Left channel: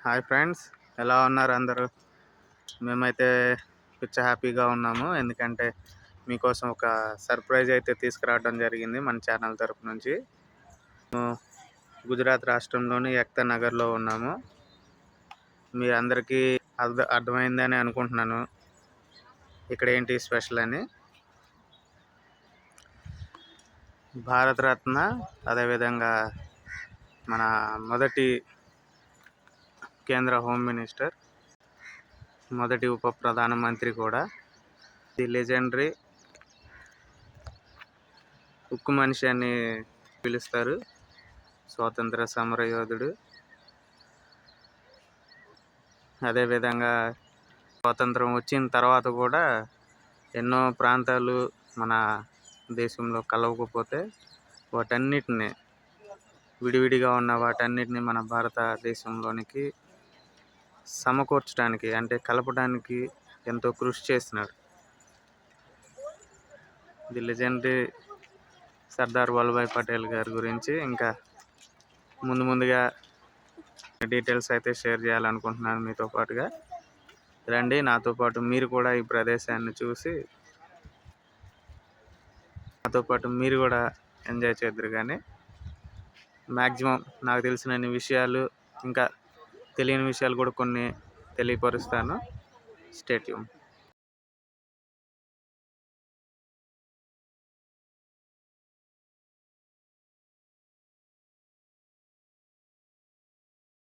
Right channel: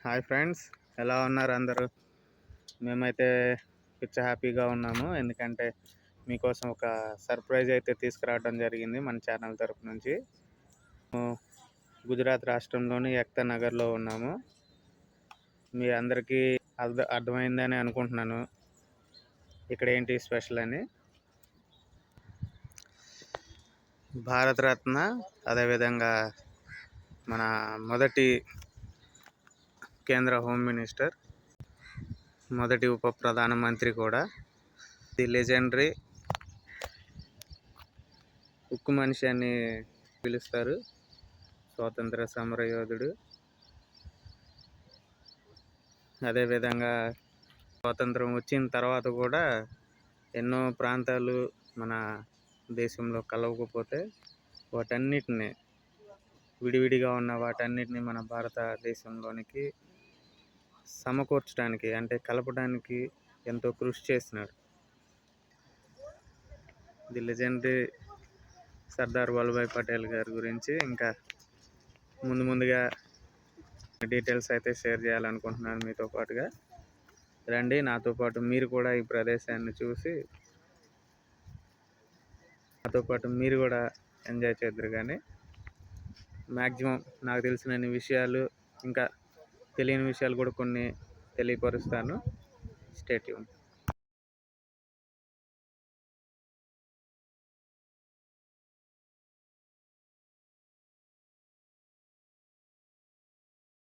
Hi friends ఎలా ఉన్నారు అందరూ? మేమైతే పిచ్చ హ్యాపీగా ఉన్నాము. ఎందుకంటే మీకోసం ఒక సర్ప్రైజ్ అయితే తీసుకురావడం జరిగింది మన ఛానల్ తరపు నుంచి. మేము గుజరాత్ రాష్ట్రంలోని ఎక్తా నగర్లో ఉన్నాము. మీ అందరికీ అర్థ అర్థమైందని అనుకుంటున్నాను. ఇక్కడ ఏంటి స్పెషల్ అని? భారతరత్న అదేవిధంగా మన మొదటి కేంద్ర హోమ్ మినిస్టర్ మొదటి ఉప ప్రధానమంత్రి కూడా. ది లెజెండరీ ఉక్కు మనిషి అని పిలుస్తారు. స్వాతంత్ర సమర యోధుడు. అదేవిధంగా స్వాతంత్రం వచ్చిన తర్వాత కూడా ఎన్నో ప్రాంతాలు మన దేశంలో కలవకపోతే వాటన్నిటిని విడివిడిగా ఉన్న వాటన్నిటిని మన భారతదేశంలోనికి సమకూర్చడానికి అంటే కలపడానికి ఎంతో కృషి చేసినాడు ది లెజెండరీ సర్దార్ వల్లభాయ్ పటేల్ గారి గురించి ఇంకా ముందు ముందుగా డీటెయిల్స్ అయితే షేర్ చేయాలనుకుంటున్నాను మీతో పాటుగా. రండి నాతో పాటు మీరు కూడా ఈ ప్రదేశాన్ని చూసి నాతో పాటు మీరు కూడా ఎంజాయ్ చేద్దరు కానీ. మ్యాక్సిమం నాకు తెలిసినన్ని విషయాలు ఇంకా తెలియని విషయాలు కూడా కొన్ని తెలియపరుస్తాను. స్టేట్యూన్